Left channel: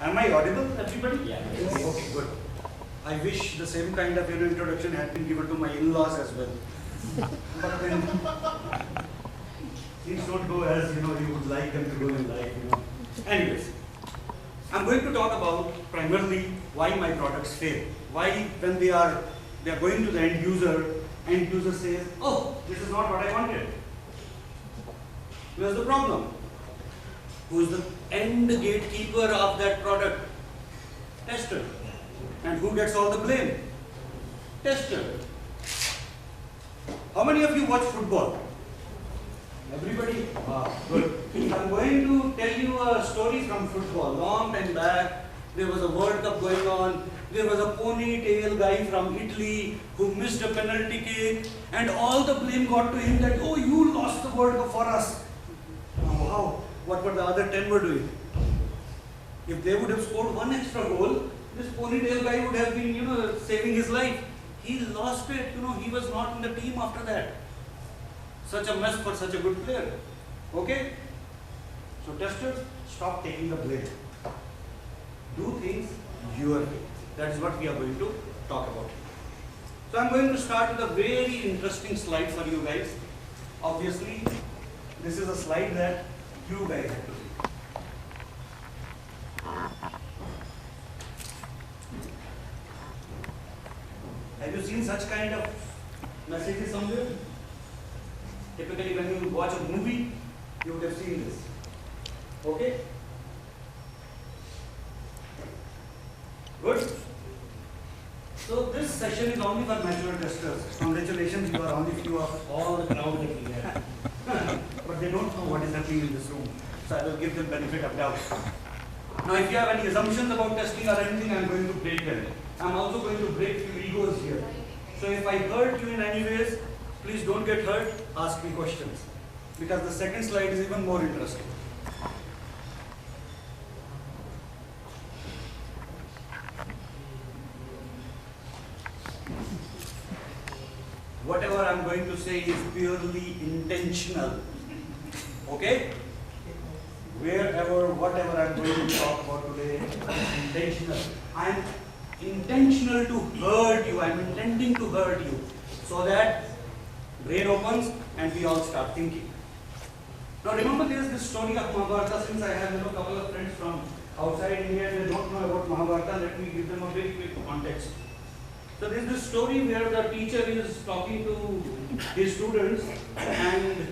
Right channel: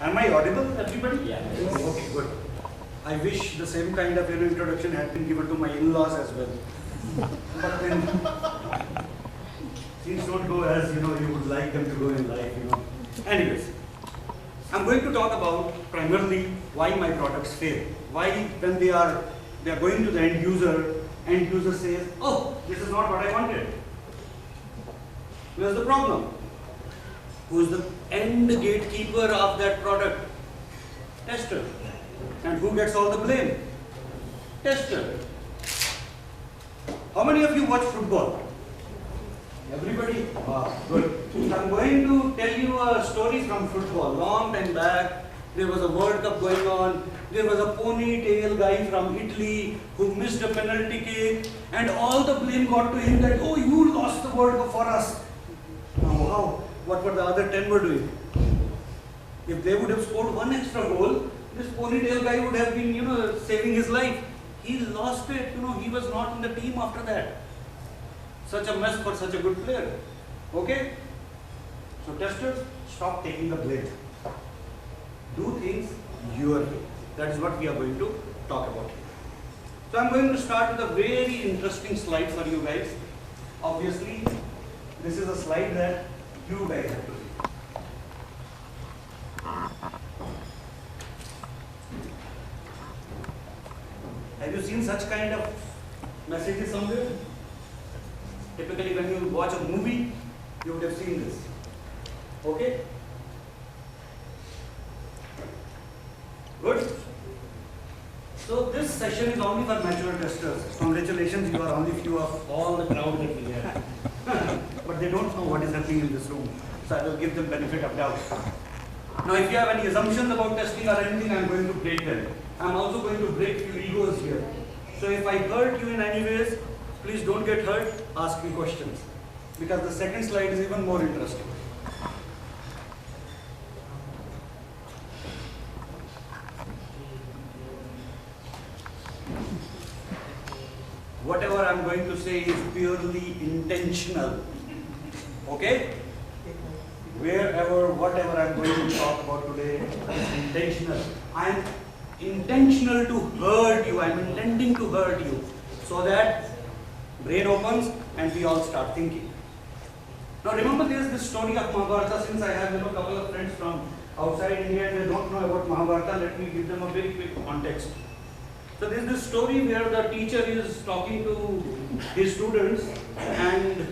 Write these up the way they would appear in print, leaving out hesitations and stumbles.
Am I audible, everybody? Yeah. Okay, good. I wish the same kind of introduction had been given to my in-laws as well. But then things don't go as you would like them to go in life. Anyways, I'm going to talk about primarily why my products fail. Why when they are going to the end user says, "Oh, this is not what I wanted." Where's the problem? Who's the end gatekeeper of that product? Tester. And who gets all the blame? Tester. How many of you watch football? Everybody? Wow, good. I'm going to tell you a story from football. Long time back, there was a World Cup going on. There was a ponytail guy from Italy who missed a penalty kick, and all the blame got to him that, "Oh, you lost the World Cup for us." Now, how? What were the other 10 were doing? If they would have scored one extra goal, this ponytail guy would have been, saving his life. He lost it. He was not in the team after that. Such a mess for such a good player. Okay? So testers, stop taking the blame. Do things your way. That is what we are going to talk about. So I'm going to start with a very interesting slide for you guys. Obviously, this is a slide that you guys have to read. Have you seen such kind of messages somewhere? Typically when you watch a movie, you would have seen this. Okay? Good? So this session is only for mature testers. Congratulations, you are only few of all the crowd that we have. But they don't know what is happening in this room. So I will give them benefit of doubt. Now if you have any assumptions about testing or anything, I am going to break them. I am also going to break few egos here. So if I hurt you in any ways, please don't get hurt, ask me questions. Because the second slide is even more interesting. Whatever I am going to say is purely intentional. Okay? Whatever I am going to talk about today is intentional. I am intentional to hurt you. I am intending to hurt you. So that brain opens and we all start thinking. Now remember, there is this story of Mahabharata. Since I have a couple of friends from outside India and they don't know about Mahabharata, let me give them a very quick context. So there is this story where the teacher is talking to his students, and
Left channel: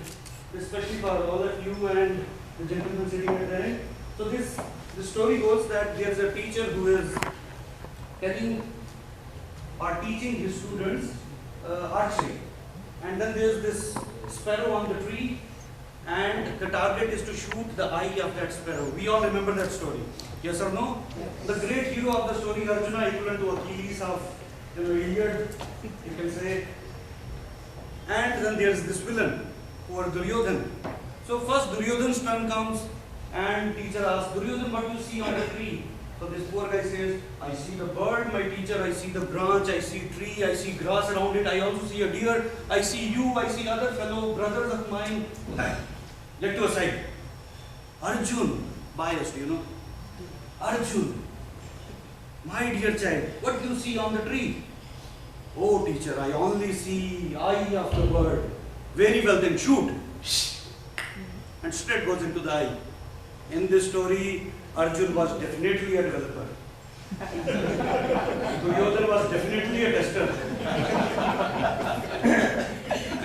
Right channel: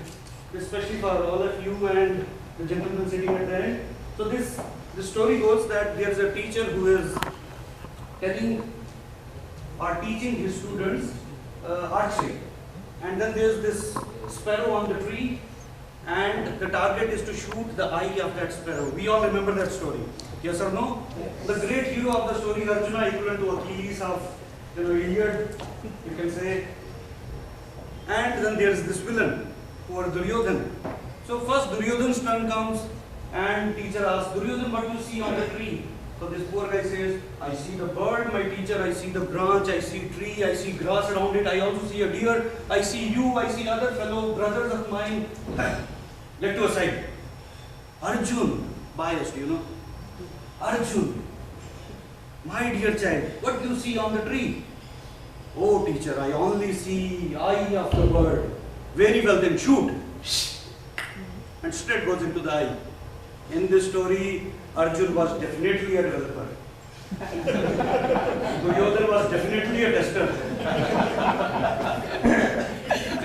especially for all of you and the gentleman sitting at the end. So this story goes that there is a teacher who is telling or teaching his students archery. And then there is this sparrow on the tree, and the target is to shoot the eye of that sparrow. We all remember that story. Yes or no? The great hero of the story, Arjuna, equivalent to Achilles of Iliad, you can say. And then there is this villain, who are Duryodhan. So first Duryodhan's turn comes, and teacher asks, "Duryodhan, what do you see on the tree?" So this poor guy says, "I see the bird, my teacher, I see the branch, I see tree, I see grass around it, I also see a deer, I see you, I see other fellow brothers of mine." Let to aside. Arjun, biased, Arjun, my dear child, what do you see on the tree? "Oh teacher, I only see eye of the bird." "Very well, then shoot." And straight goes into the eye. In this story, Arjun was definitely a developer. Duryodhan was definitely a tester.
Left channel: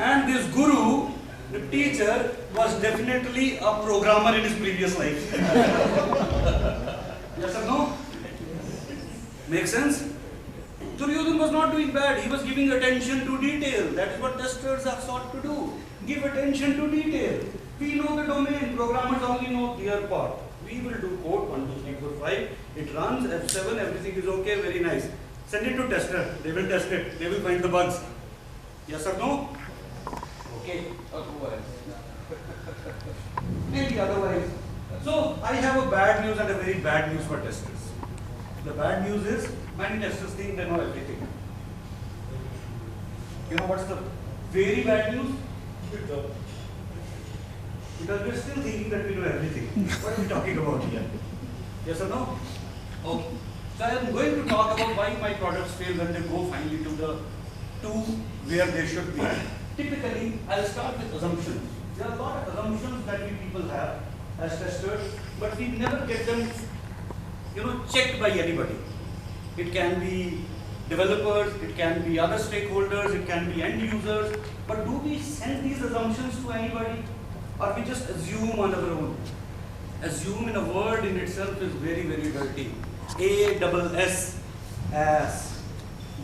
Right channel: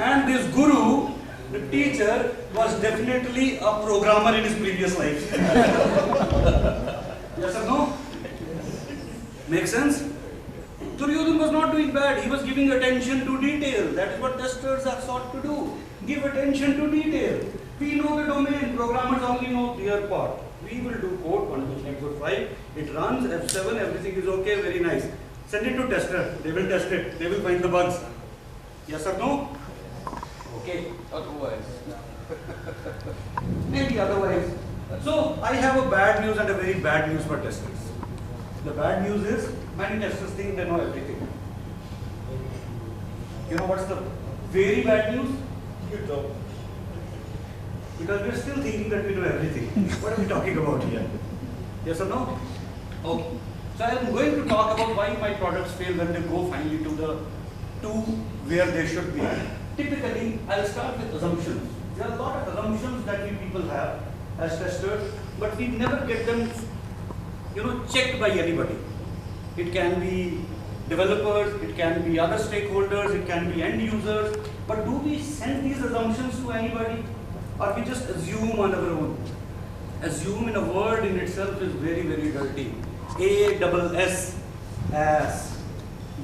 And this guru, the teacher, was definitely a programmer in his previous life. Yes or no? Make sense? Duryodhan was not doing bad. He was giving attention to detail. That is what testers are sought to do. Give attention to detail. We know the domain. Programmers only know their part. We will do code 1, 2, 3, 4, 5. It runs F7. Everything is okay. Very nice. Send it to tester. They will test it. They will find the bugs. Yes or no? Okay. Otherwise. Maybe otherwise. So I have a bad news and a very bad news for testers. The bad news is many testers think they know everything. You know what's the very bad news? Because we're still thinking that we know everything. What are we talking about here? Yes or no? Okay. So I am going to talk about why my products fail when they go finally to where they should be. Typically, I'll start with assumptions. There are a lot of assumptions that we people have as testers, but we never get them, checked by anybody. It can be developers, it can be other stakeholders, it can be end users. But do we send these assumptions to anybody, or we just assume on our own? Assume in a word in itself is very, very dirty. A-double-S, ass,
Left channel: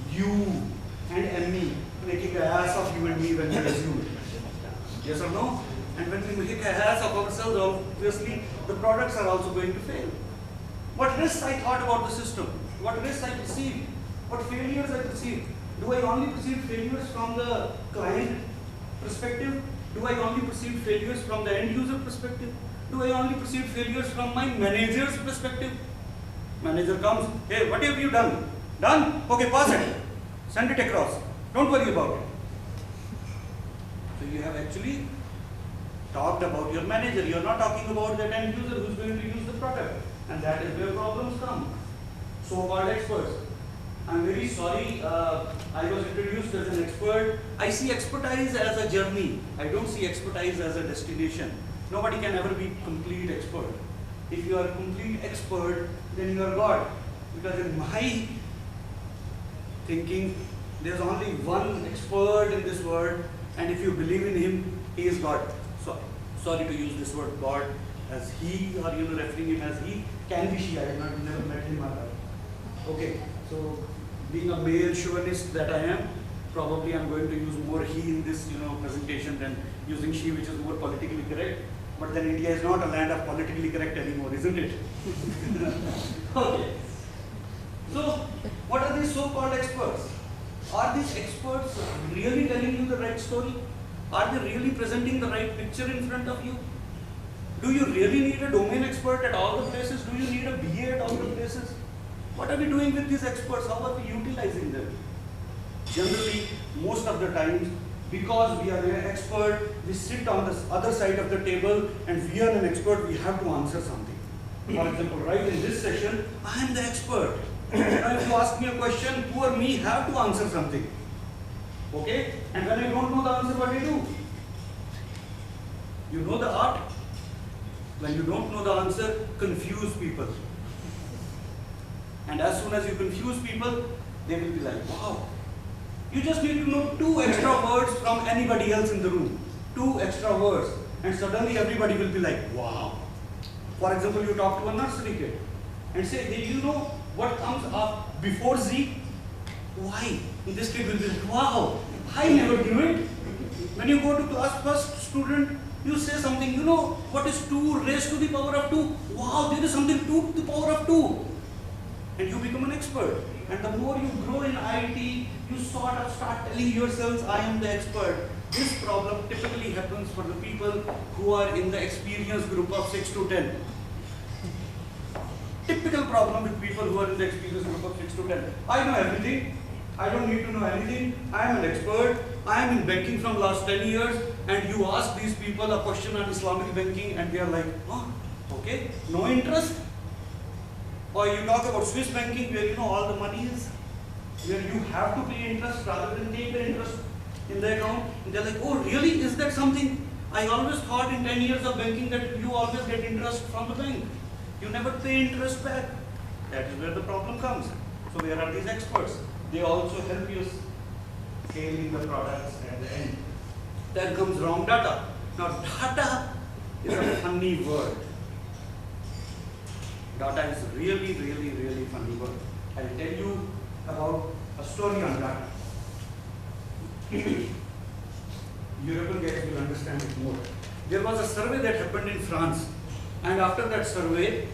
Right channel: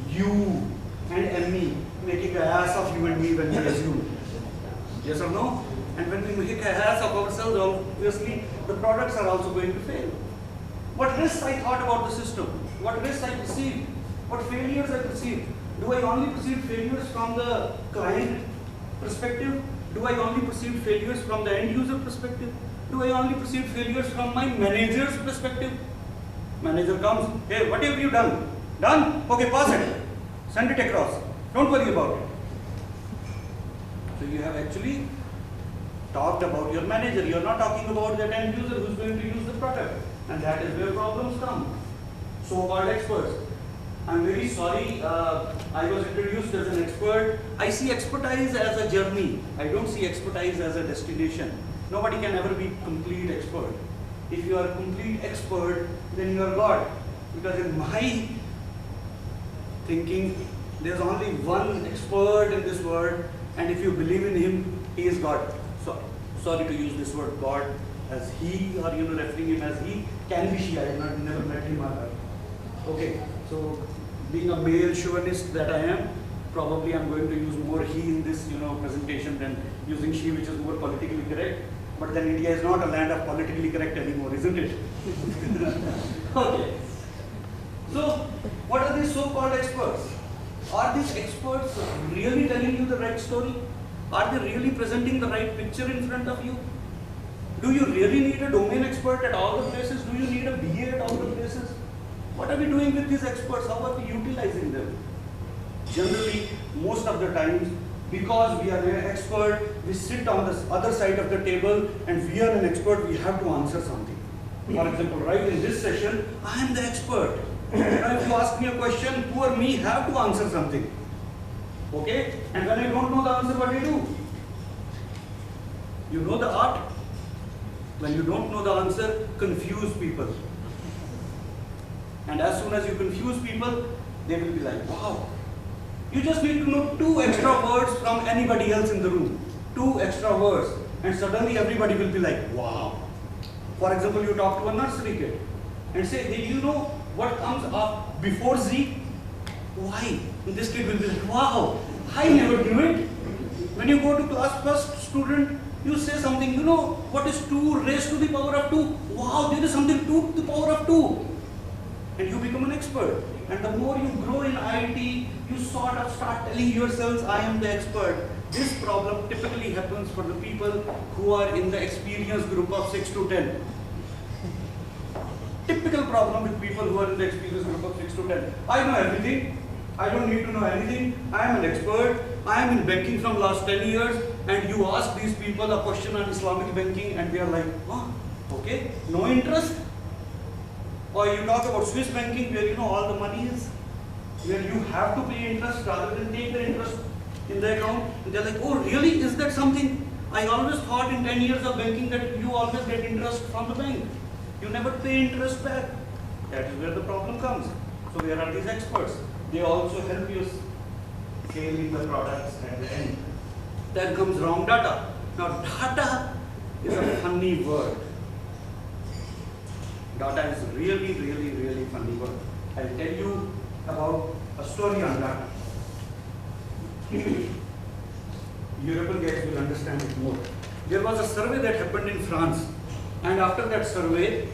you and me, making an ass of you and me when we assume. Yes or no? And when we make an ass of ourselves, obviously the products are also going to fail. What risks I thought about the system? What risks I perceived? What failures I perceived? Do I only perceive failures from the client perspective? Do I only perceive failures from the end user perspective? Do I only perceive failures from my manager's perspective? Manager comes, hey, what have you done? Done? Okay, pass it. Send it across. Don't worry about it. So you have actually talked about your manager. You're not talking about that end user who's going to use the product. And that is where problems come. So-called experts. I'm very sorry, I was introduced as an expert. I see expertise as a journey. I don't see expertise as a destination. Nobody can ever be complete expert. If you are a complete expert, then you are God. Because in my thinking, there's only one expert in this world, and if you believe in him, he is God. So, sorry to use this word God as he, or referring him as he, can be she. I have never met him or her. Okay, so being a male chauvinist that I am, probably I'm going to use more he in this presentation than using she, which is more politically correct. But then India is not a land of politically correct anymore, isn't it? Okay. So, what are these so-called experts? Are these experts really telling you the right story? Are they really presenting the right picture in front of you? Do you really need a domain expert at all the places? Do you need a BA at all the places? What are we doing with these experts? How are we utilizing them? Generally, most of the times, because we are an expert, we sit on the other side of the table, and we are an expert, we have to answer something. For example, right in this session, I am the expert. Now, if you ask me a question, poor me have to answer something. Okay? And when I don't know the answer, what do you do? You know the art. When you don't know the answer, confuse people. And as soon as you confuse people, they will be like, wow. You just need to know 2 extra words from anybody else in the room. 2 extra words. And suddenly everybody will be like, wow. For example, you talk to a nursery kid and say, do you know what comes up before Z? Y. And this kid will be like, wow, I never knew it. When you go to class first student, you say something, you know what is 2 raised to the power of 2? Wow, there is something 2 to the power of 2. And you become an expert. And the more you grow in IT, you sort of start telling yourselves, I am the expert. This problem typically happens for the people who are in the experience group of 6 to 10. Typical problem with people who are in the experience group of 6 to 10. I know everything. I don't need to know anything. I am an expert. I am in banking from last 10 years. And you ask these people a question on Islamic banking and they are like, oh, okay, no interest. Or you talk about Swiss banking where all the money is, where you have to pay interest rather than take the interest in the account. And they're like, oh really, is that something? I always thought in 10 years of banking that you always get interest from the bank. You never pay interest back. That is where the problem comes. So where are these experts? They also help you scaling the products at the end. Then comes wrong data. Now data is a funny word. Data is really, really, really funny word. I'll tell you about a story on data. European guys will understand it more. There was a survey that happened in France, and after that survey,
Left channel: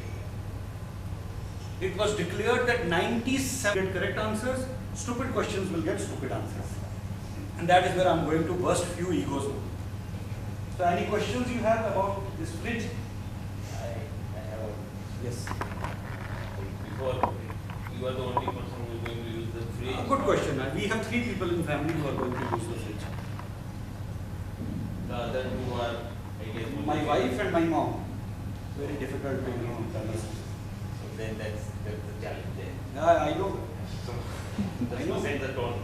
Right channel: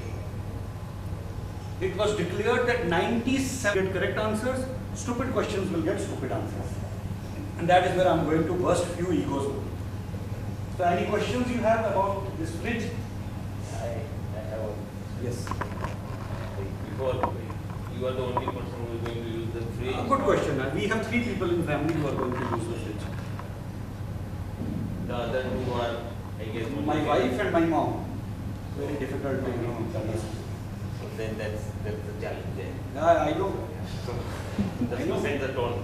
it was declared that 97 get correct answers, stupid questions will get stupid answers. And that is where I'm going to burst few egos now. So any questions you have about this fridge? I have one. Yes. Before, you are the only person who is going to use the fridge. Good question. We have 3 people in family who are going to use the fridge. The other 2 are, I guess, My wife and my mom. Very difficult to So then that's That's the challenge there. Yeah, I know. So, I that's know. to set the tone.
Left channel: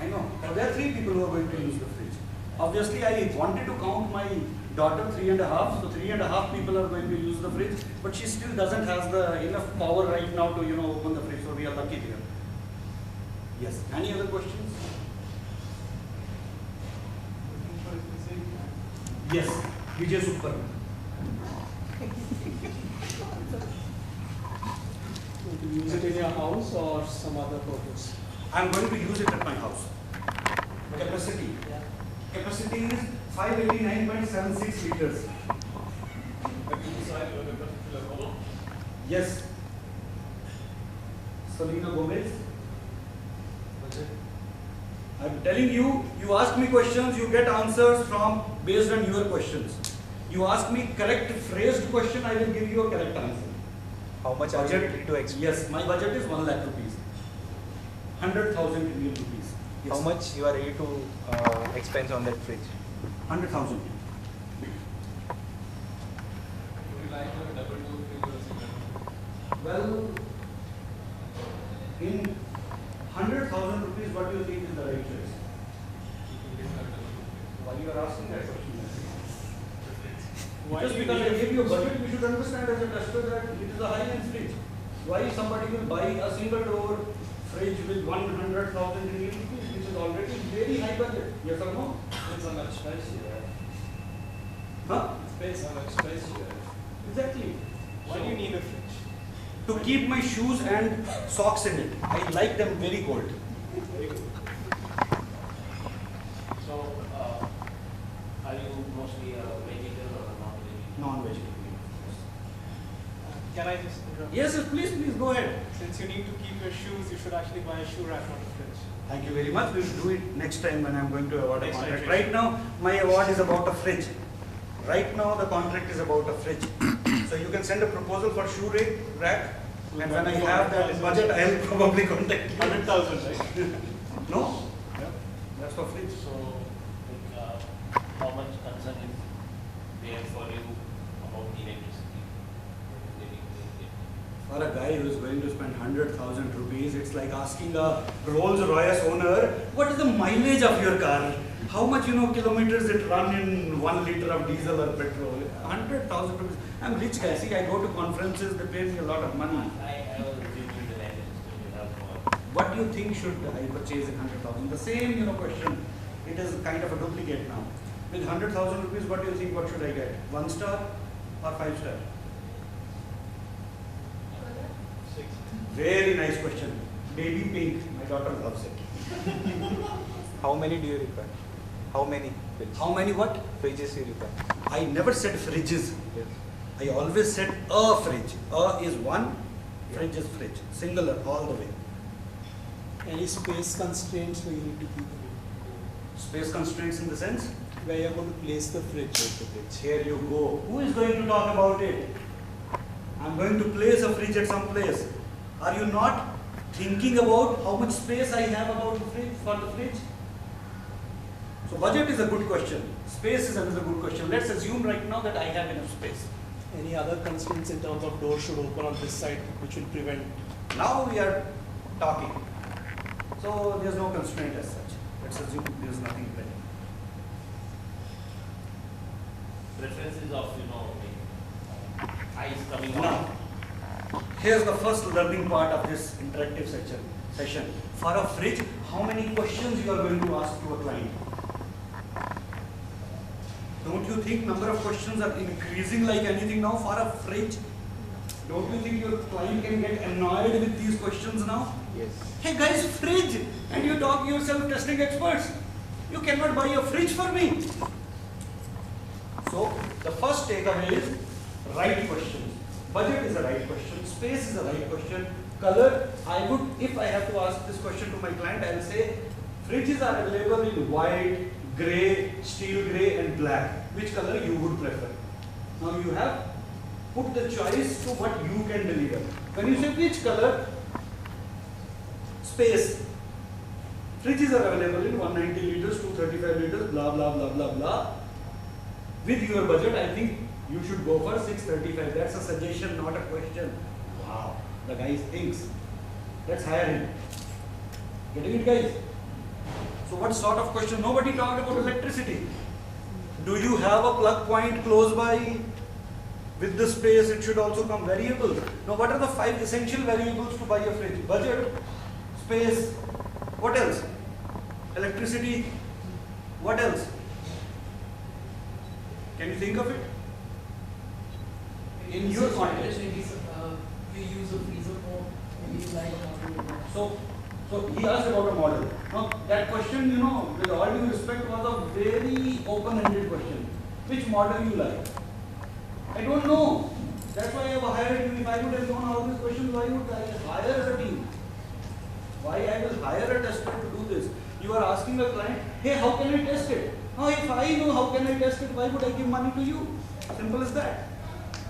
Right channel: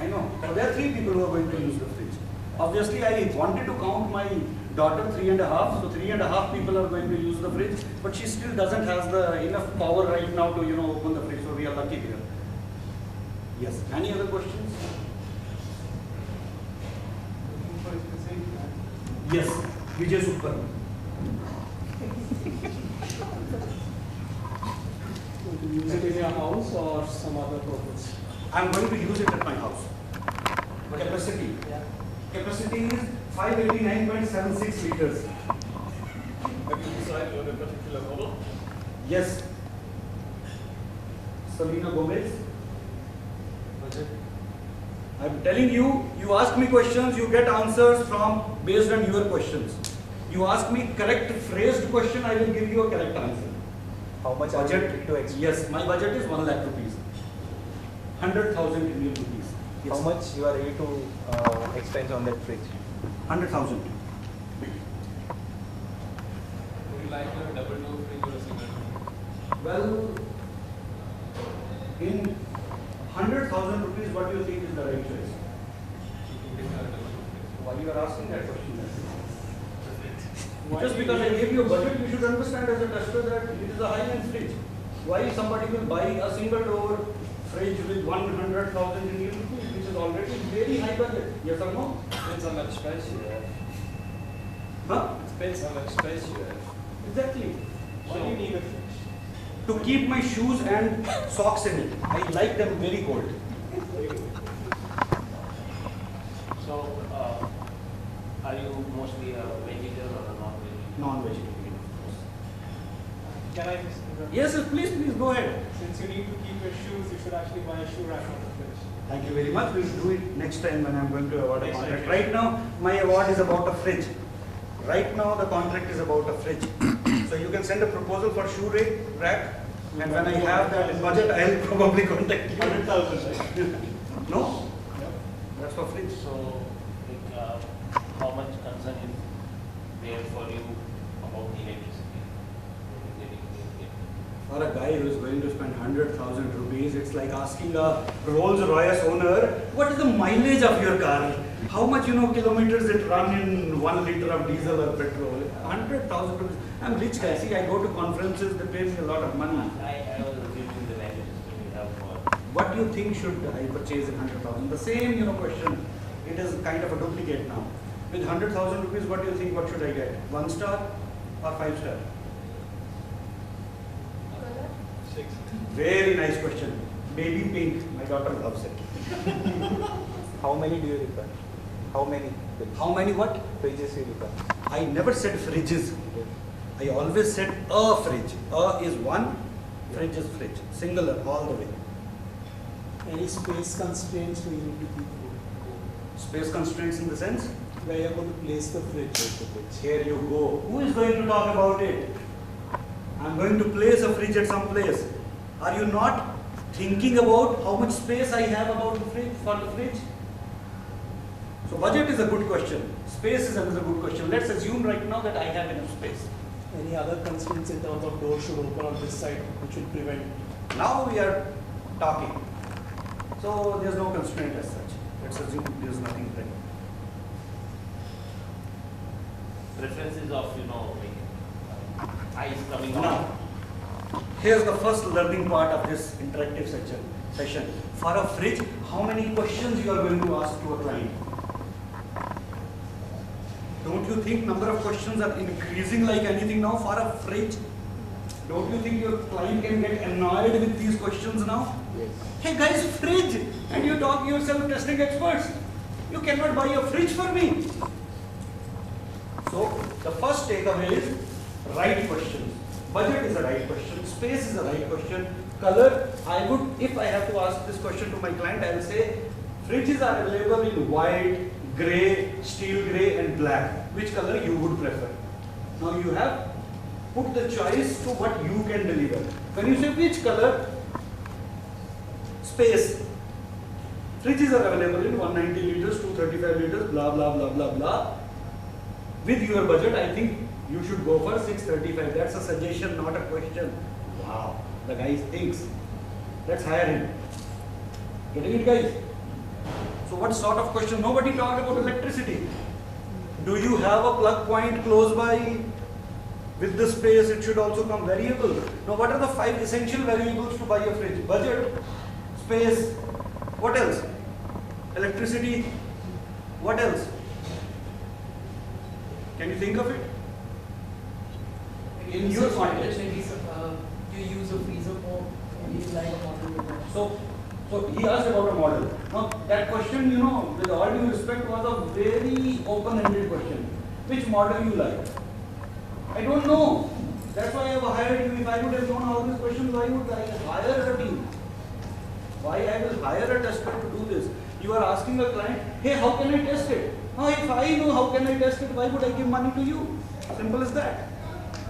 I know. So there are 3 people who are going to use the fridge. Obviously, I wanted to count my daughter 3.5, so 3.5 people are going to use the fridge, but she still doesn't have the enough power right now to open the fridge. So we are lucky here. Yes. Any other questions? Yes. Vijay Super. Use it in your house or some other purpose? I'm going to use it at my house. Capacity. Yeah. Capacity is 589.76 liters. Have you decided on a particular model? Yes. Selena Gomez. Budget? I'm telling you, you ask me questions, you get answers from based on your questions. You ask me correct phrased question, I will give you a correct answer. How much are you Budget? to expect? Yes, my budget is 1 lakh rupees. 100,000 Indian rupees. Yes. How much you are ready to expense on that fridge? 100,000. Would you like a double door fridge or a single door? Well, in 100,000 rupees, what do you think is the right choice? You can get a double door fridge. Why you are asking that question? Why Just do you because I need- gave you a budget, you should understand as a tester that it is a high-end fridge. Why somebody will buy a single door fridge with 100,000 Indian rupees, which is already very high budget? Yes or no? Depends how much space you have. Huh? Depends how much space you have. Exactly. Why do you need a fridge? To keep my shoes and socks in it. I like them very cold. Very good. So, are you mostly a vegetarian or a non-vegetarian? Non-vegetarian, of course. Can I just interrupt? Yes, yes, please go ahead. Since you need to keep your shoes, you should actually buy a shoe rack on the fridge. Thank you very much. We will do it next time when I'm going to award a Next time, contract. yes. Right now, my award is about a fridge. Right now, the contract is about a fridge. So you can send a proposal for shoe rack, and when I have that in budget, I'll probably contact you. 100,000, right? No? That's for fridge. So, like, how much concern is there for you about electricity? For a guy who is going to spend 100,000 rupees, it's like asking a Rolls Royce owner, what is the mileage of your car? How much kilometers it run in 1 liter of diesel or petrol? 100,000 rupees. I'm rich guy. See, I go to conferences, they pay me a lot of money. I was assuming the value system you have for. What do you think should I purchase in 100,000? The same question. It is kind of a duplicate now. With 100,000 rupees, what do you think? What should I get? 1 star or 5 star? Six. Very nice question. Baby pink. My daughter loves it. How many do you require? How many fridges? How many what? Fridges you require? I never said fridges. Yes. I always said a fridge. A is one, fridge is fridge. Singular all the way. Any space constraints where you need to keep it? Space constraints in the sense? Where you're going to place the fridge. Here you go. Who is going to talk about it? I'm going to place a fridge at some place. Are you not thinking about how much space I have about the fridge for the fridge? So budget is a good question. Space is another good question. Let's assume right now that I have enough space. Any other constraints in terms of doors should open on this side which will prevent? Now we are talking. So there's no constraint as such. Let's assume there's nothing there. Preferences of, like, eyes coming Now, out. here's the first learning part of this interactive session. For a fridge, how many questions you are going to ask to a client? Don't you think number of questions are increasing like anything now for a fridge? Don't you think your client can get annoyed with these questions now? Yes. Hey guys, fridge! And you talk yourself testing experts. You cannot buy a fridge for me. So, the first takeaway is right questions. Budget is a right question. Space is a right question. Color, if I have to ask this question to my client, I will say, fridges are available in white, grey, steel grey and black. Which color you would prefer? Now you have put the choice to what you can deliver. When you say which color, space. Fridges are available in 190 liters, 235 liters, blah, blah, blah, blah, blah. With your budget, I think you should go for 635. That's a suggestion, not a question. Wow. The guy thinks. Let's hire him. Getting it, guys? So what sort of question? Nobody talked about electricity. Do you have a plug point close by? With the space, it should also come variable. Now, what are the 5 essential variables to buy a fridge? Budget, space, what else? Electricity, what else? Can you think of it? In your context. You use a freezer more, maybe like a model. So he asked about a model. Now that question, you know, with all due respect, was a very open-ended question. Which model you like? I don't know. That's why I have hired you. If I would have known all these questions, why would I hire a team? Why I will hire a tester to do this? You are asking a client, hey, how can I test it? Now, if I know how can I test it, why would I give money to you? Simple as that.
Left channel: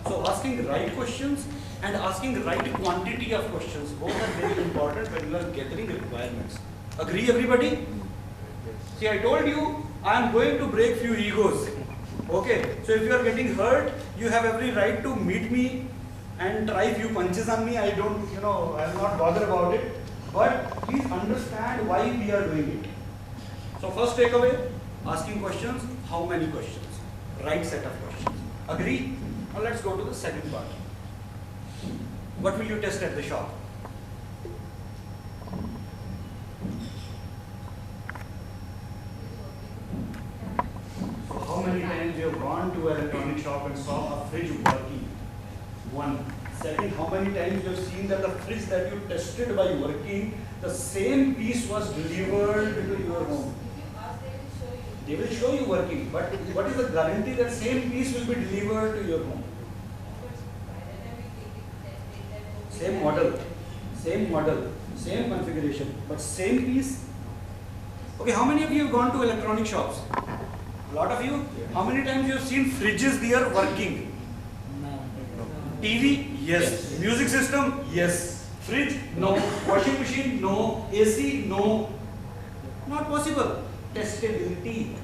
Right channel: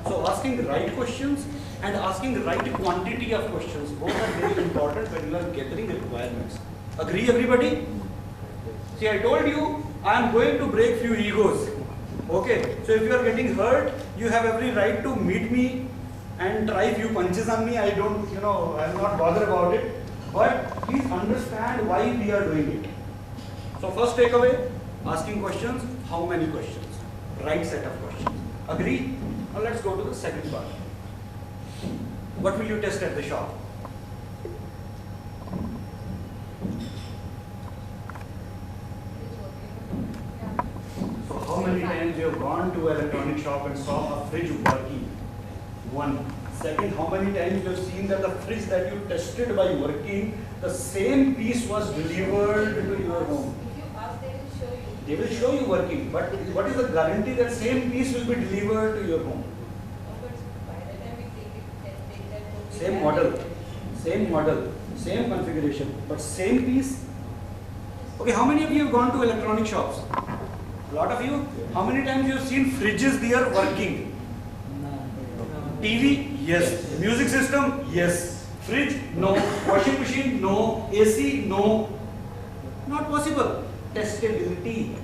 So asking the right questions and asking the right quantity of questions, both are very important when you are gathering requirements. Agree, everybody? See, I told you, I am going to break few egos. Okay, so if you are getting hurt, you have every right to meet me and try few punches on me. I don't, you know, I will not bother about it. But please understand why we are doing it. So first takeaway, asking questions. How many questions? Right set of questions. Agree? Now let's go to the second part. What will you test at the shop? So how many times you have gone to an electronic shop and saw a fridge working? One. Second, how many times you have seen that the fridge that you tested by working, the same piece was delivered to your home? If you ask, they will show you. They will show you working, but what is the guarantee that same piece will be delivered to your home? But by the time we take that Same model, same configuration, but same piece. Okay, how many of you have gone to electronic shops? A lot of you. How many times you have seen fridges there working? TV? Yes. Music system? Yes. Fridge? No. Washing machine? No. AC? No. Not possible. Testability.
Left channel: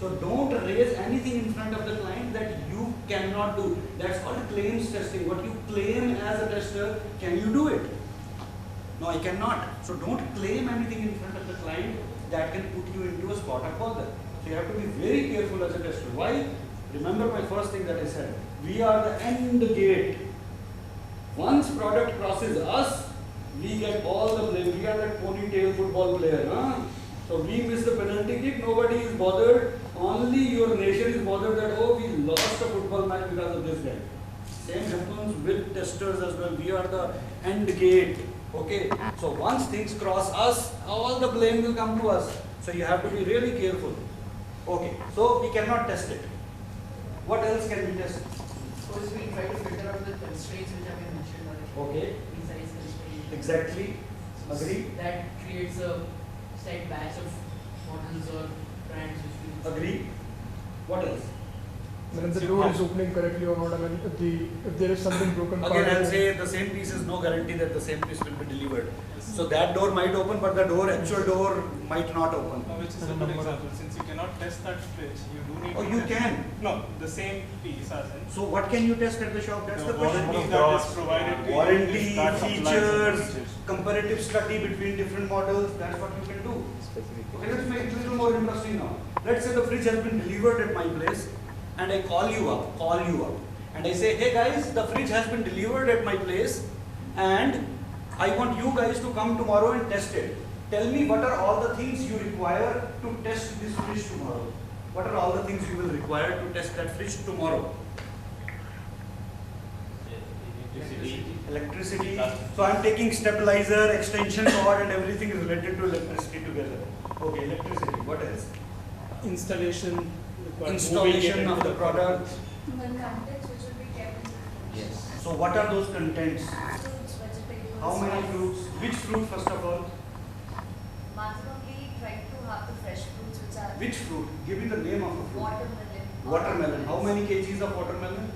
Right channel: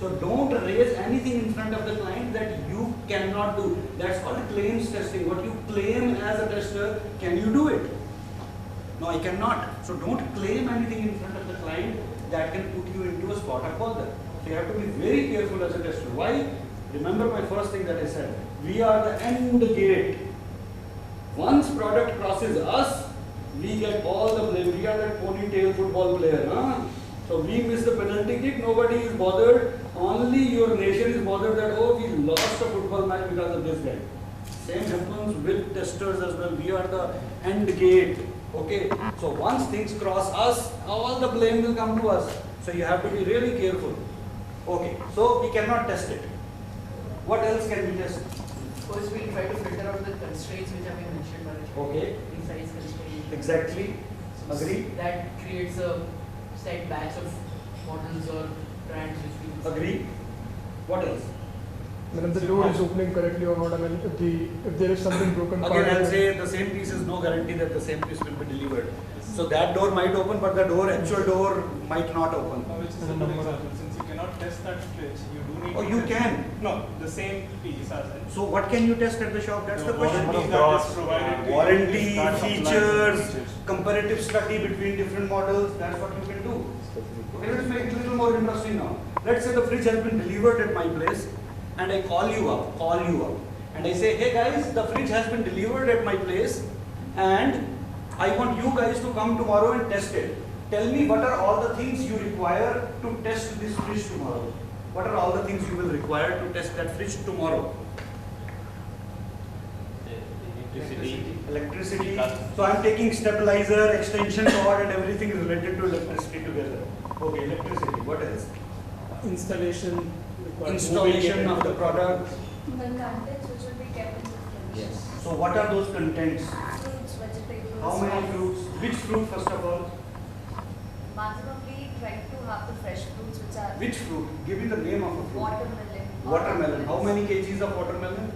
So don't raise anything in front of the client that you cannot do. That's called claims testing. What you claim as a tester, can you do it? No, I cannot. So don't claim anything in front of the client that can put you into a spot of bother. So you have to be very careful as a tester. Why? Remember my first thing that I said. We are the end gate. Once product crosses us, we get all the blame. We are that ponytail football player. Huh? So we miss the penalty kick, nobody is bothered. Only your nation is bothered that, oh, we lost a football match because of this guy. Same happens with testers as well. We are the end gate. Okay. So once things cross us, all the blame will come to us. So you have to be really careful. Okay. So we cannot test it. What else can we test? First, we try to filter out the constraints which have been mentioned already. Okay. Precise constraints. Exactly. Agree. That creates a set batch of models or brands which we Agree. What else? When the door is opening correctly or not, I mean, if there is something broken. Again, I'll say the same piece is no guarantee that the same piece will be delivered. So that door might open, but the actual door might not open. Which is a good example. Since you cannot test that fridge, you do need Oh, to you test- can. No, the same piece as in. So what can you test at the shop? That's the question. warranty that is provided to you Warranty, is that applies features, the features. comparative study between different models. That's what you can do. Okay, let's make it a little more interesting now. Let's say the fridge has been delivered at my place, and I call you up, and I say, hey guys, the fridge has been delivered at my place, and I want you guys to come tomorrow and test it. Tell me what are all the things you require to test this fridge tomorrow. What are all the things you will require to test that fridge tomorrow? Electricity. So I am taking stabilizer, extension cord, and everything related to electricity together. Okay, electricity. What else? Installation. required. Installation of the product. The contents which will be kept in the fridge. So what are those contents? Fruits, vegetables. How many fruits? Which fruit first of all? Maximally try to have the fresh fruits which are Which fruit? Give me the name of a fruit. watermelon. Watermelon. How many kgs of watermelon?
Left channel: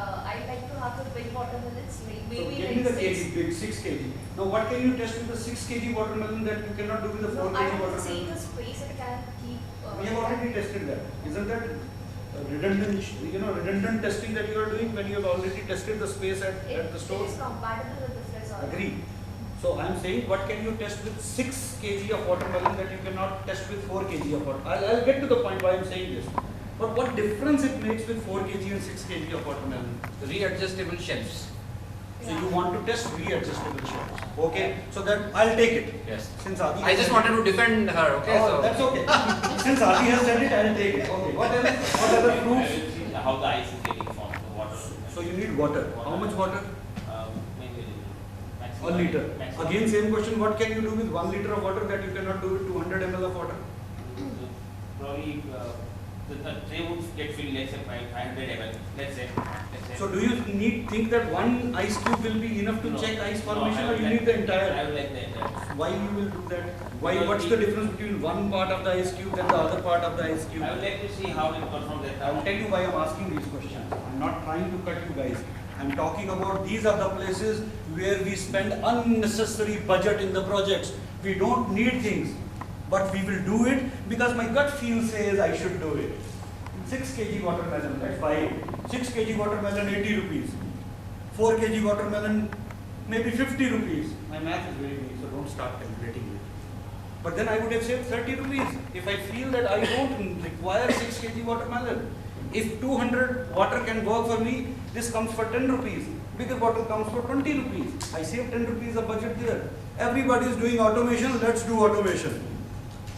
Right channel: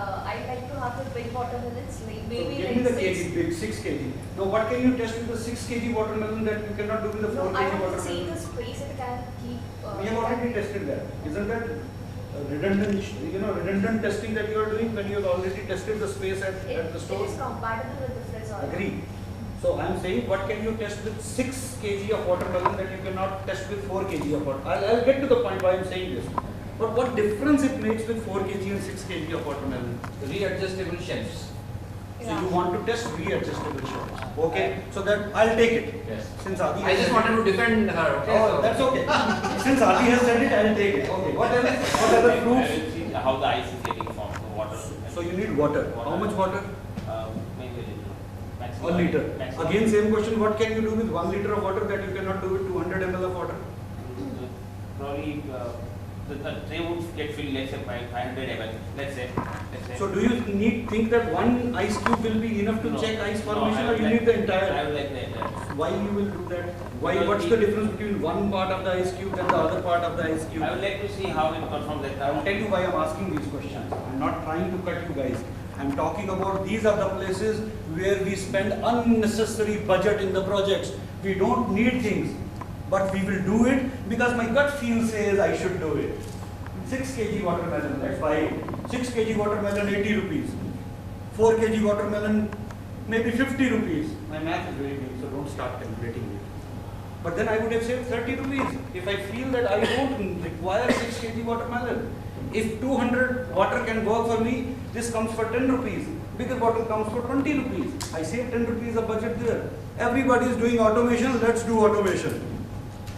I like to have the big watermelons, like So maybe give me the like kg, 6. big 6 kg. Now what can you test with the 6 kg watermelon that you cannot do with the 4 No, I kg want to see watermelon? the space it can keep. We have already tested that. Isn't that? redundant testing that you are doing when you have already tested the space at the It store? is compatible with the fridge or Agree. So I am saying, what can you test with 6 kg of watermelon that you cannot test with 4 kg of watermelon? I'll get to the point why I am saying this. But what difference it makes with 4 kg and 6 kg of watermelon? Readjustable shelves. So you want to test readjustable shelves. Okay, so that I'll take it. Yes. Since Adi I has just said wanted it. to defend her, okay? Oh, So- that's okay. Since Adi has said it, I'll take it. Okay. What else? What other I proofs? will see how the ice is getting formed, the water. So you need water. How much water? Maybe a little. Maximum. 1 liter. Maximum. Again, same question. What can you do with 1 liter of water that you cannot do with 200 ml of water? Probably the tray would get filled, let's say 500 ml. Let's say. So do you think that one ice cube will be enough to No. check ice No, formation, I or would you like- need the I entire? would like the entire. Why you will do that? Why? Because What's we- the difference between one part of the ice cube and the other part of the ice cube? I would like to see how it performs at I will tell you why I'm asking these questions. I'm not trying to cut you guys. I'm talking about these are the places where we spend unnecessary budget in the projects. We don't need things, but we will do it because my gut feel says I should do it. 6 kg watermelon, let's buy it. 6 kg watermelon, 80 rupees. 4 kg watermelon, maybe 50 rupees. My math is very weak, so don't start calculating it. But then I would have saved 30 rupees if I feel that I don't require 6 kg watermelon. If 200 water can work for me, this comes for 10 rupees. Bigger bottle comes for 20 rupees. I save 10 rupees of budget there. Everybody is doing automation, let's do automation.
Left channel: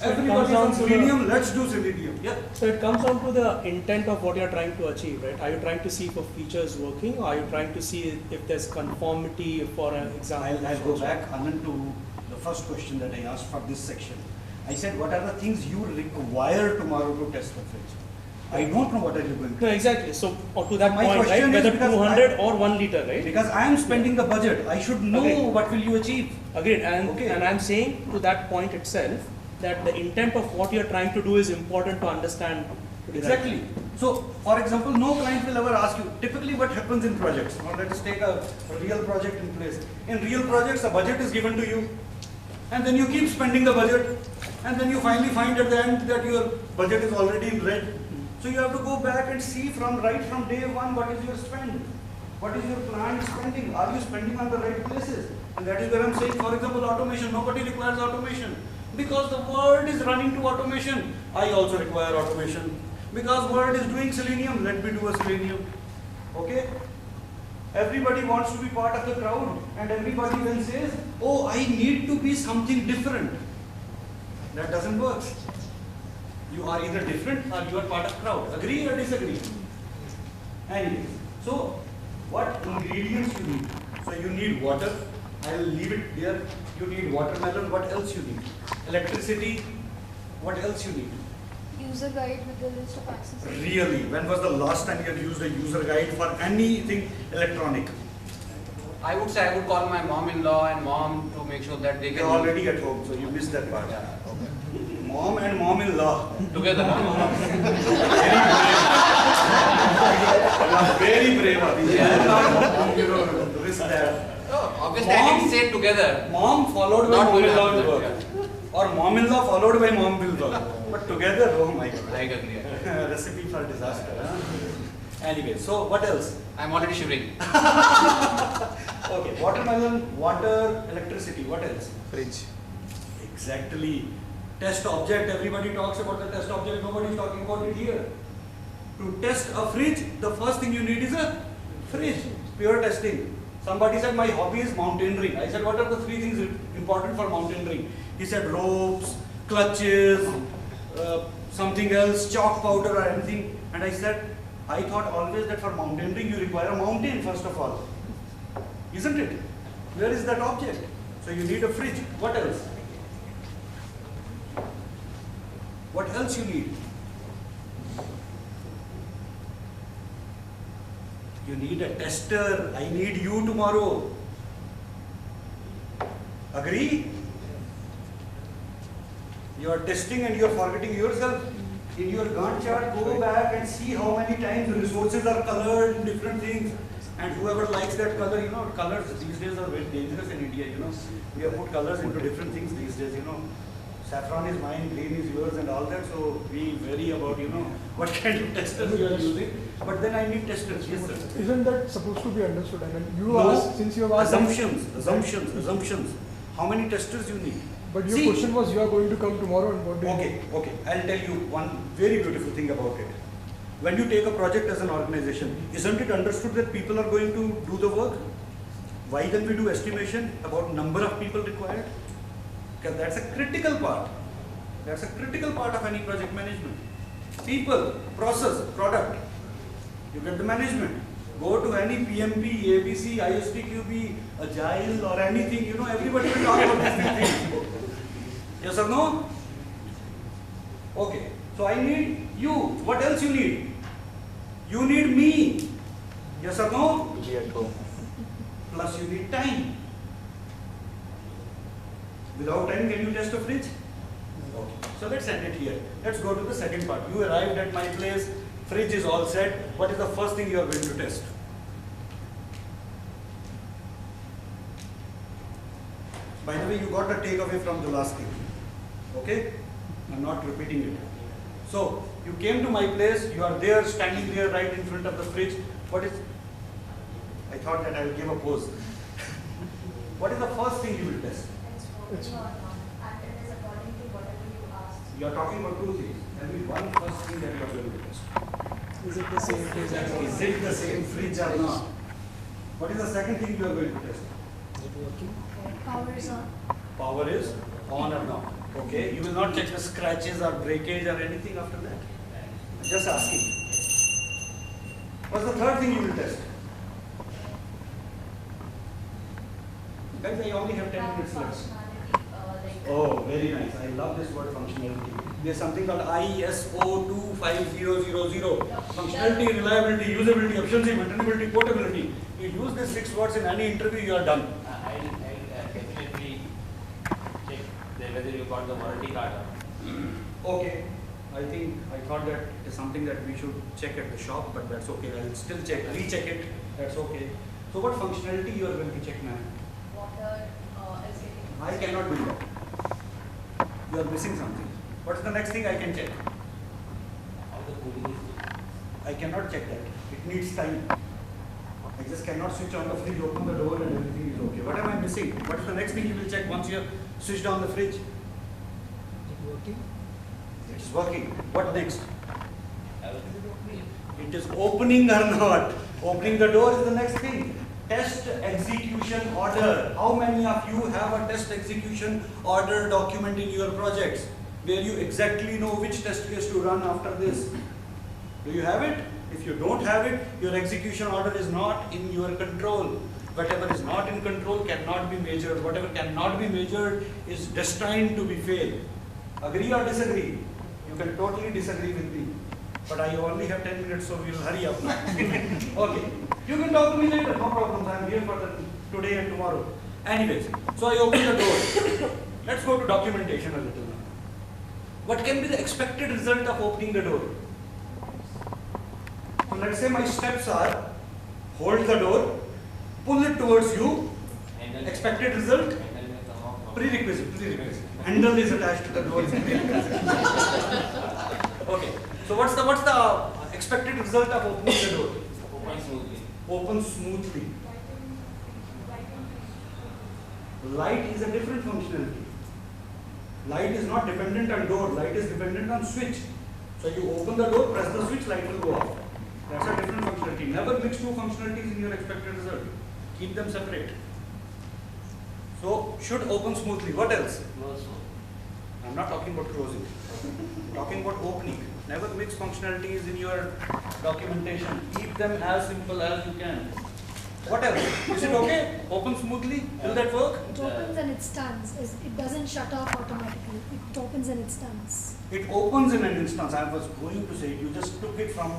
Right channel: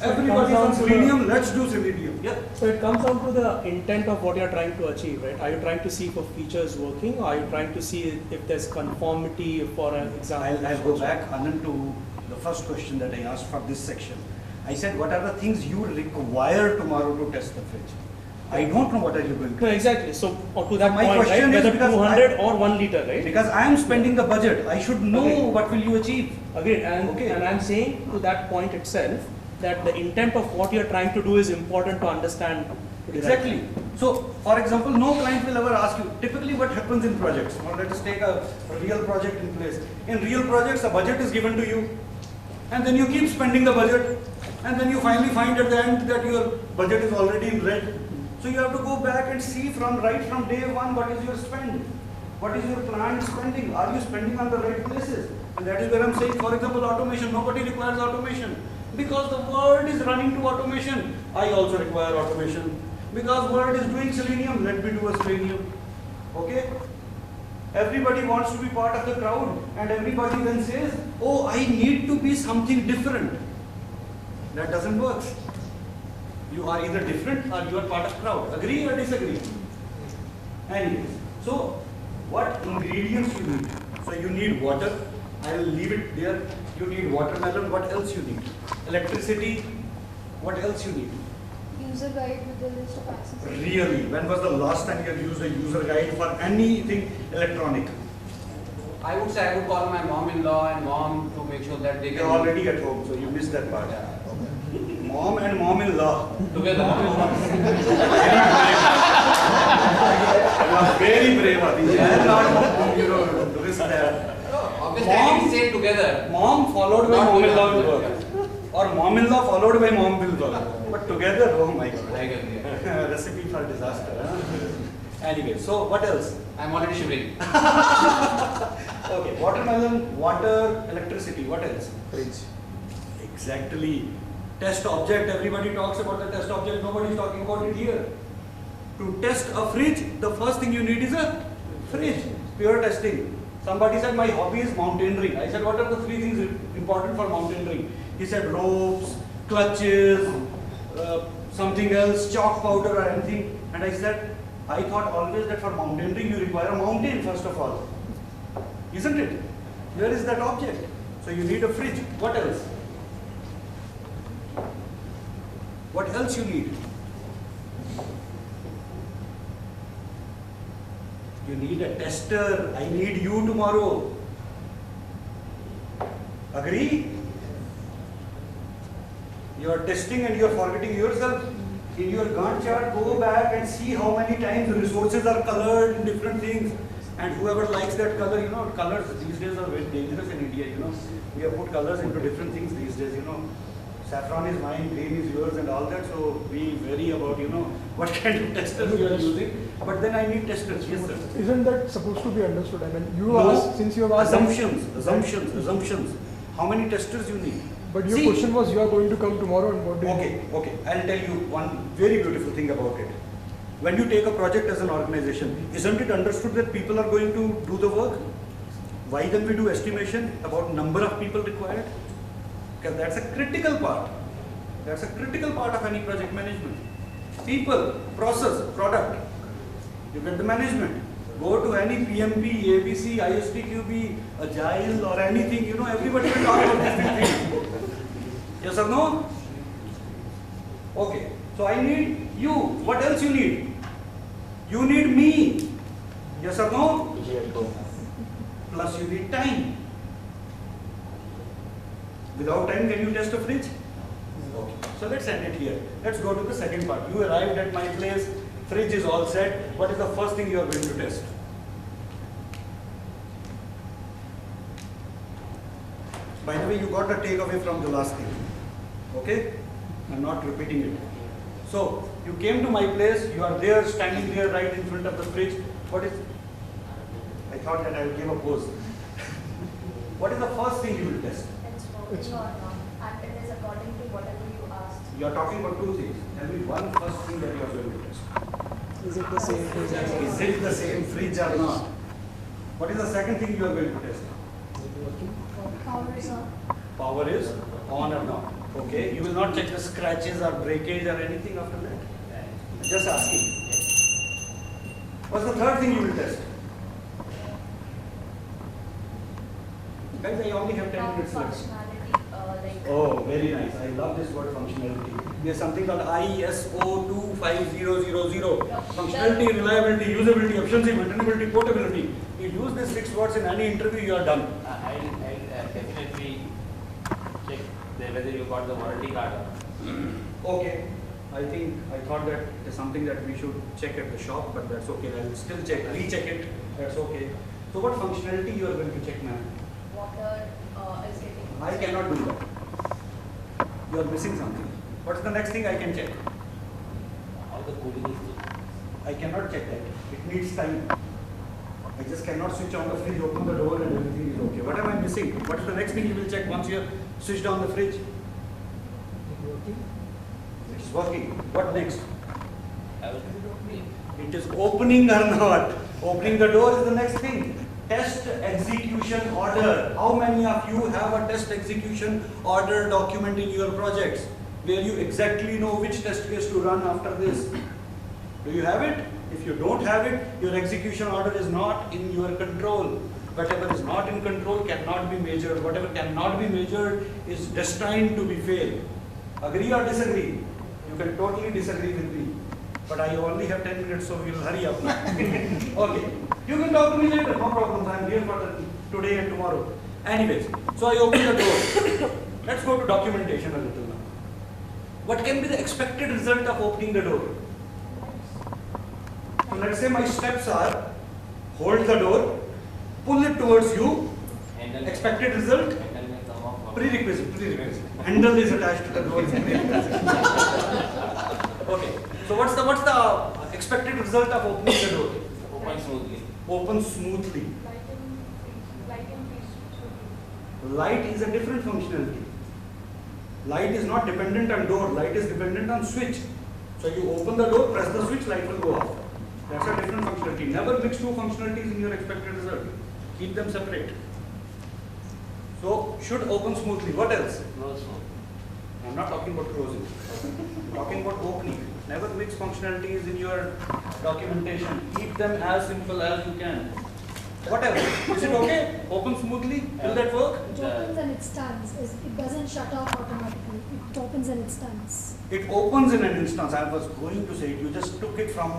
So it Everybody is comes on down to selenium, let's do selenium. Yeah. So it comes down to the intent of what you're trying to achieve, right? Are you trying to see if a feature is working, or are you trying to see if there's conformity, for an example? I'll go back, Anand, to the first question that I asked for this section. I said, what are the things you require tomorrow to test the fridge? I don't know what are you going to No, exactly. So to that My point, right? question is Whether because 200 or 1 liter, right? Because I am spending the budget, I should know Okay. what will you achieve. Agreed. And Okay. and I'm saying to that point itself that the intent of what you're trying to do is important to understand. To derive. Exactly. So, for example, no client will ever ask you, typically what happens in projects, or let us take a real project in place. In real projects, a budget is given to you, and then you keep spending the budget, and then you finally find at the end that your budget is already in red. So you have to go back and see right from day one, what is your spend? What is your planned spending? Are you spending on the right places? And that is where I'm saying, for example, automation. Nobody requires automation. Because the world is running to automation. I also require automation. Because world is doing selenium, let me do a selenium. Okay? Everybody wants to be part of the crowd, and everybody then says, oh, I need to be something different. That doesn't work. You are either different or you are part of crowd. Agree or disagree? Anyways, so what ingredients you need? So you need water. I will leave it there. You need watermelon. What else you need? Electricity. What else you need? user guide with the list of accessories. Really? When was the last time you have used a user guide for anything electronic? I would say I would call my mom-in-law and mom to make sure that they You're can already at home, so you missed that part. Yeah, okay. Mom and mom-in-law. Together. Very brave, Adi. You know, risk that. Obviously, I didn't say together. Mom followed by Not mom-in-law will together. work. Or mom-in-law followed by mom will work. But together, oh my God. I agree. Recipe for disaster. Huh? Anyway, so what else? I'm already shivering. Okay, watermelon, water, electricity. What else? Fridge. Exactly. Test object. Everybody talks about the test object. Nobody is talking about it here. To test a fridge, the first thing you need is a fridge. Pure testing. Somebody said my hobby is mountaineering. I said, what are the 3 things important for mountaineering? He said ropes, clutches, something else, chalk powder or anything. And I said, I thought always that for mountaineering you require a mountain first of all. Isn't it? Where is that object? So you need a fridge. What else? What else you need? You need a tester. I need you tomorrow. Agree? You are testing and you are forgetting yourself. In your Gantt chart, go back and see how many times resources are colored in different things. And whoever likes that color, colors these days are very dangerous in India, We have put colors into different things these days, Saffron is mine, green is yours and all that, so we vary about, what kind of testers you are using. But then I need testers, yes sir. Isn't that supposed to be understood? I mean, you No. asked, since you have asked. Assumptions. How many testers you need? But your See, question was, you are going to come tomorrow and what do you do? Okay. I'll tell you one very beautiful thing about it. When you take a project as an organization, isn't it understood that people are going to do the work? Why then we do estimation about number of people required? Because that's a critical part. That's a critical part of any project management. People, process, product. You get the management. Go to any PMP, ABC, ISTQB, Agile or anything, everybody will talk about these things. Yes or no? Okay. So I need you. What else you need? You need me. Yes or no? Plus you need time. Without time, can you test a fridge? Okay. So let's end it here. Let's go to the second part. You arrived at my place, fridge is all set. What is the first thing you are going to test? By the way, you got the takeaway from the last thing. Okay? I'm not repeating it. So, you came to my place, you are there, standing there right in front of the fridge. What is, I thought that I would give a pose. What is the first thing you will test? It's working or not, and it is according to whatever you asked. You are talking about two things. Tell me one first thing that you are going to test. Is it the same fridge? Is it the same fridge or not? What is the second thing you are going to test? Power is on. Power is on or not. Okay, you will not check the scratches or breakage or anything after that. Just asking. What's the third thing you will test? Guys, I only have 10 minutes left. Functionality, Oh, very nice. I love this word functionality. There's something called ISO 25000. Functionality, reliability, usability, efficiency, maintainability, portability. You use these 6 words in any interview, you are done. I'll definitely check whether you got the warranty card or not. Okay. I thought that it is something that we should check at the shop, but that's okay. I'll still check, recheck it. That's okay. So what functionality you are going to check, ma'am? water is getting. I cannot do that. You are missing something. What's the next thing I can check? How the cooling is doing. I cannot check that. It needs time. I just cannot switch on the fridge, open the door and everything is okay. What am I missing? What is the next thing you will check once you have switched on the fridge? It's working. What next? It is opening or not. Opening the door is the next thing. Test execution order. How many of you have a test execution order document in your projects where you exactly know which test case to run after this? Do you have it? If you don't have it, your execution order is not in your control. Whatever is not in control cannot be measured. Whatever cannot be measured is destined to be failed. Agree or disagree? You can totally disagree with me. But I only have 10 minutes, so we'll hurry up now. Okay. You can talk to me later, no problems. I'm here for today and tomorrow. Anyways, so I open the door. Let's go to documentation a little now. What can be the expected result of opening the door? So let's say my steps are, hold the door, pull it towards you, Handle expected result, handle may come off. prerequisite. Handle is attached to the door. Okay. So what's the expected result of opening the door? Open smoothly. Open smoothly. Light is a different functionality. Light is not dependent on door. Light is dependent on switch. So you open the door, press the switch, light will go off. That's a different functionality. Never mix two functionalities in your expected result. Keep them separate. So should open smoothly. What else? Close smooth. I'm not talking about closing. I'm talking about opening. Never mix functionalities in your documentation. Keep them as simple as you can. What else? Is it okay? Open smoothly? Will that work? It opens and it stands. It doesn't shut off automatically. It opens and it stands. It opens in an instance. I was going to say it. You just took it from,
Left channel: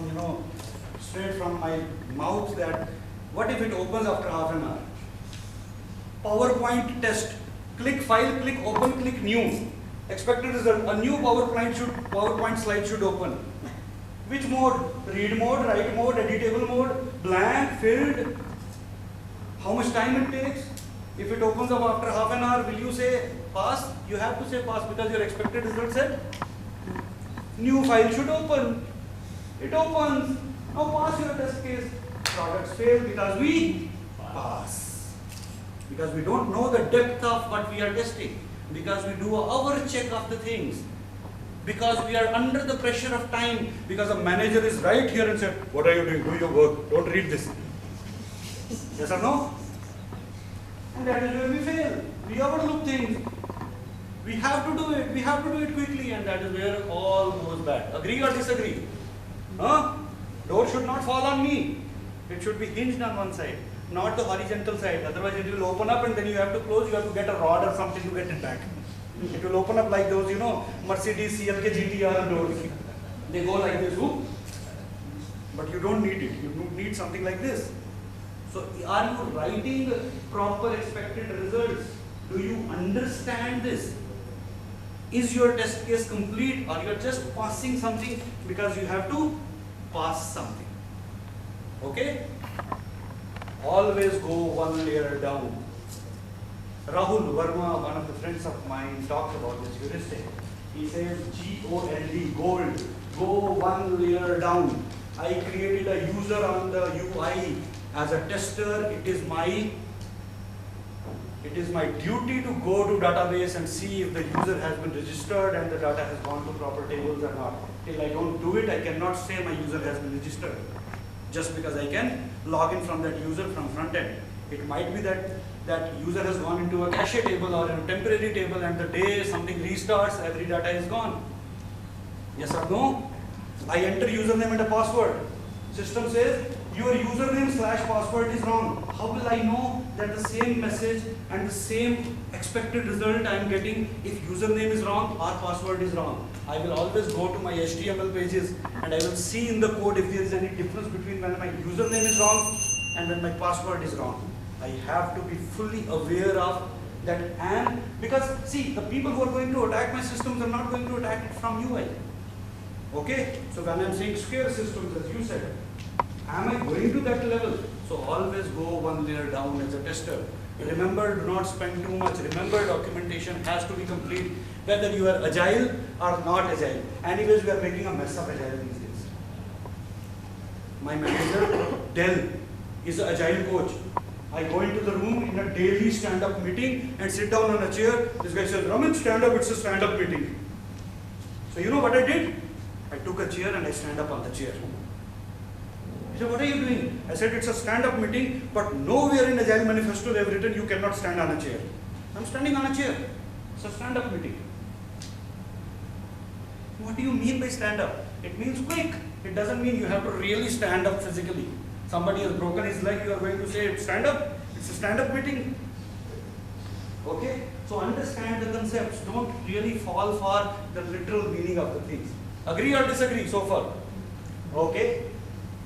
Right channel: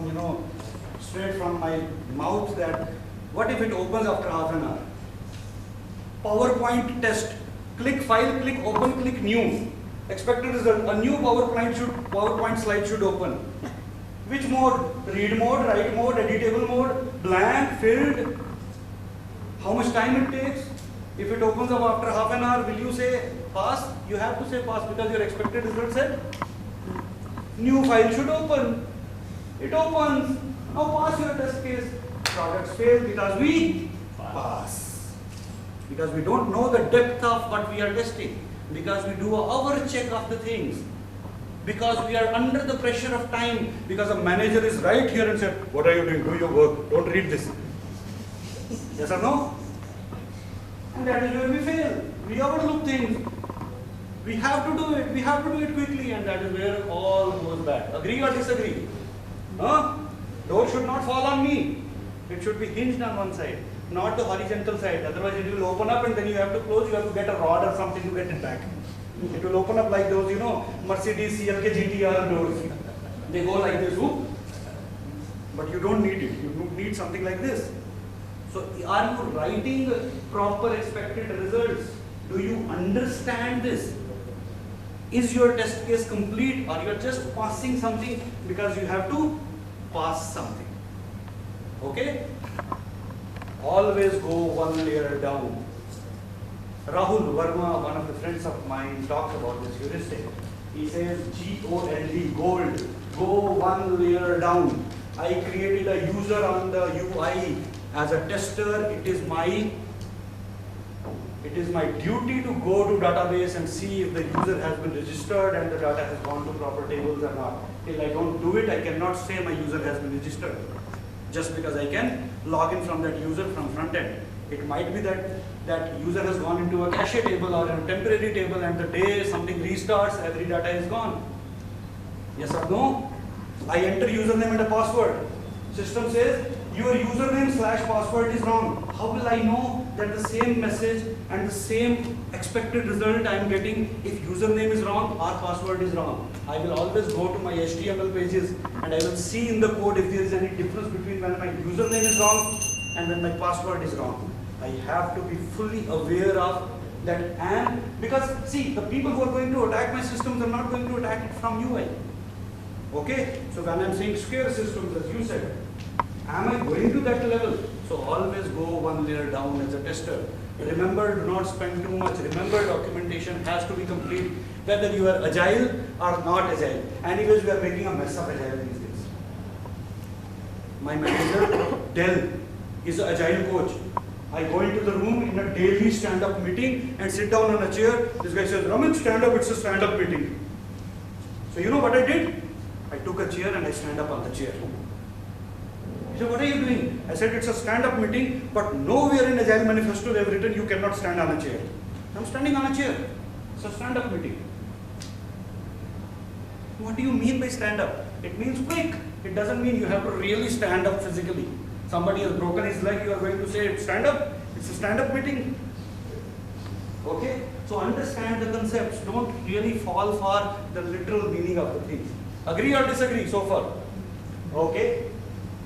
straight from my mouth that what if it opens after half an hour? PowerPoint test. Click file, click open, click new. Expected result. A new PowerPoint slide should open. Which mode? Read mode, write mode, editable mode, blank, filled. How much time it takes? If it opens up after half an hour, will you say pass? You have to say pass because your expected result said new file should open. It opens. Now pass your test case. Products fail because we pass. Because we don't know the depth of what we are testing. Because we do our check of the things. Because we are under the pressure of time. Because a manager is right here and said, what are you doing? Do your work. Don't read this. Yes or no? And that is where we fail. We overlook things. We have to do it. We have to do it quickly, and that is where all goes bad. Agree or disagree? Huh? Door should not fall on me. It should be hinged on one side, not the horizontal side. Otherwise, it will open up, and then you have to close. You have to get a rod or something to get it back. It will open up like those, you know, Mercedes CLK GTR doors. They go like this, whoop. But you don't need it. You need something like this. So, are you writing proper expected results? Do you understand this? Is your test case complete, or you are just passing something because you have to pass something? Okay? Always go one layer down. Rahul Verma, one of the friends of mine, talks about this heuristic. He says GOLD, gold, go one layer down. I created a user on the UI. As a tester, it is my duty to go to database and see if the user has been registered and the data has gone to proper tables or not. Till I don't do it, I cannot say my user has been registered. Just because I can log in from that user from front end. It might be that that user has gone into a cache table or a temporary table, and the day something restarts, every data is gone. Yes or no? I enter username and a password. System says your username / password is wrong. How will I know that the same message and the same expected result I am getting if username is wrong or password is wrong? I will always go to my HTML pages and I will see in the code if there is any difference between when my username is wrong and when my password is wrong. I have to be fully aware of that, and because see, the people who are going to attack my systems are not going to attack it from UI. Okay? So when I am saying square systems, as you said, am I going to that level? So always go one layer down as a tester. Remember, do not spend too much. Remember, documentation has to be complete, whether you are agile or not agile. Anyways, we are making a mess of agile these days. My manager, Dell, is an agile coach. I go into the room in a daily stand-up meeting and sit down on a chair. This guy says, Ramit, stand up, it's a stand-up meeting. So you know what I did? I took a chair and I stand up on the chair. He said, what are you doing? I said, it's a stand-up meeting, but nowhere in Agile Manifesto they have written you cannot stand on a chair. I'm standing on a chair. It's a stand-up meeting. What do you mean by stand-up? It means quick. It doesn't mean you have to really stand up physically. Somebody has broken his leg, you are going to say, stand up? It's a stand-up meeting. Okay? So understand the concepts. Don't really fall for the literal meaning of the things. Agree or disagree so far? Okay?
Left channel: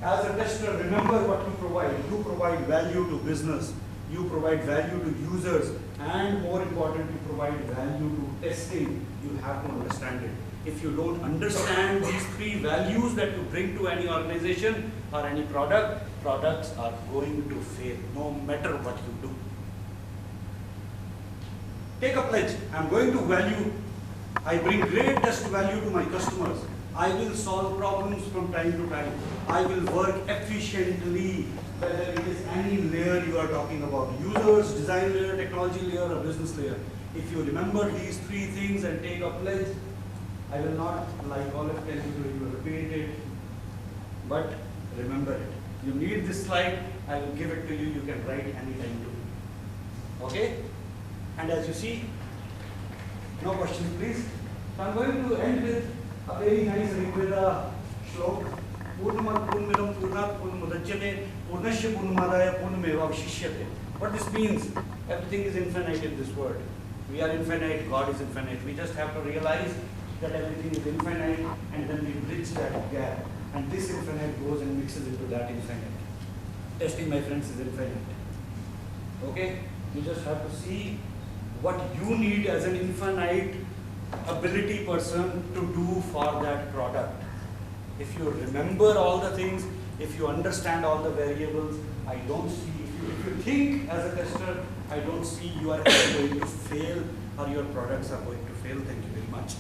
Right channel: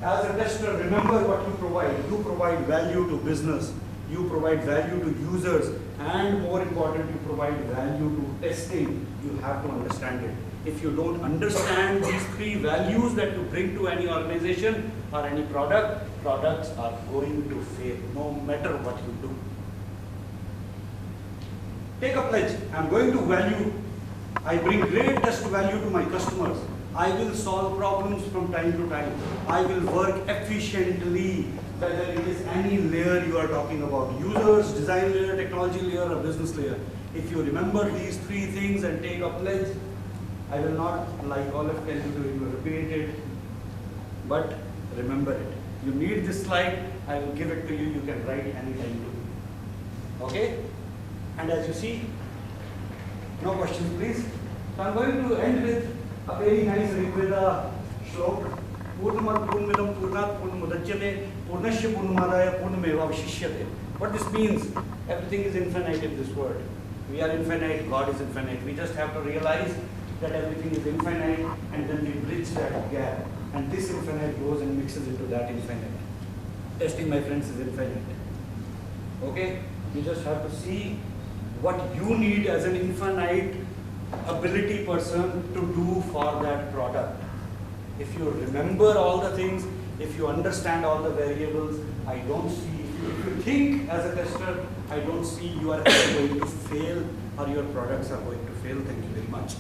As a tester, remember what you provide. You provide value to business. You provide value to users. And more important, you provide value to testing. You have to understand it. If you don't understand these three values that you bring to any organization or any product, products are going to fail no matter what you do. Take a pledge. I'm going to value. I bring great test value to my customers. I will solve problems from time to time. I will work efficiently, whether it is any layer you are talking about, users, design layer, technology layer, or business layer. If you remember these three things and take a pledge, I will not, like all of tell you to repeat it, but remember it. You need this slide, I will give it to you, you can write anytime to. Okay? And as you see, no questions please. So I'm going to end with a very nice Rigveda shlok. Purnamad Purnamidam Purnat Purnamudachyate Purnashya Purnamadaya Purnamevavshishyate. What this means, everything is infinite in this world. We are infinite, God is infinite. We just have to realize that everything is infinite, and then we bridge that gap. And this infinite goes and mixes into that infinite. Testing, my friends, is infinite. Okay? You just have to see what you need as an infinite ability person to do for that product. If you remember all the things, if you understand all the variables, I don't see, if you think as a tester, I don't see you are going to fail or your products are going to fail. Thank you very much.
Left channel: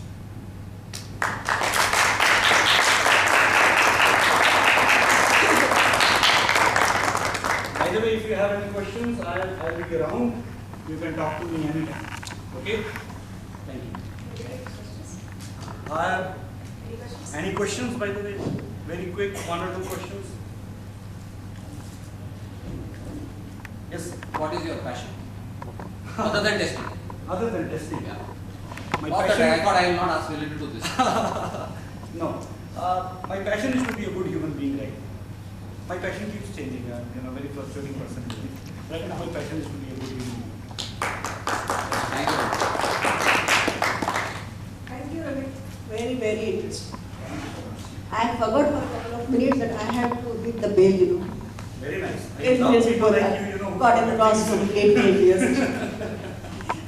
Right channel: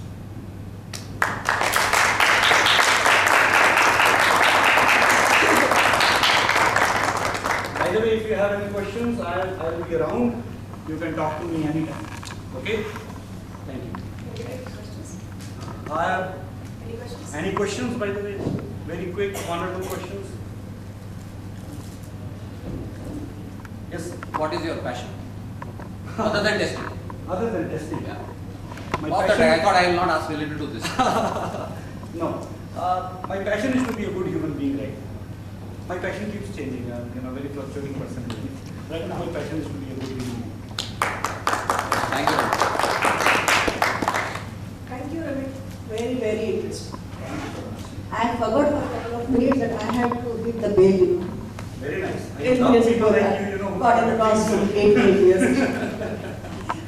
By the way, if you have any questions, I'll be around. You can talk to me anytime. Okay? Thank you. Any questions, by the way? Very quick, 1 or 2 questions. Yes. What is your passion? Other than testing. Other than testing. Yeah. My Off the track, I thought I will not ask related to this. No. My passion is to be a good human being, right? My passion keeps changing. I'm a very fluctuating person. Right now, my passion is to be a good human being. Thank you. Thank you, Ramit. Very, very interesting. I forgot for a couple of minutes that I have to hit the bell, you know. Very nice. I 8 love minutes people before like that. you, Got in the process of 8 years.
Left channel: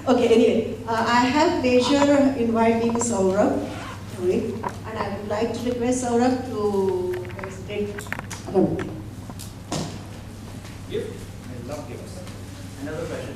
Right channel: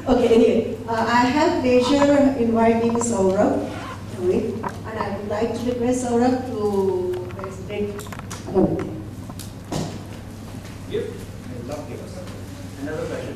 Okay, anyway, I have pleasure inviting Saurabh to it, and I would like to request Saurabh to take account. Gift? I love gifts. Another passion.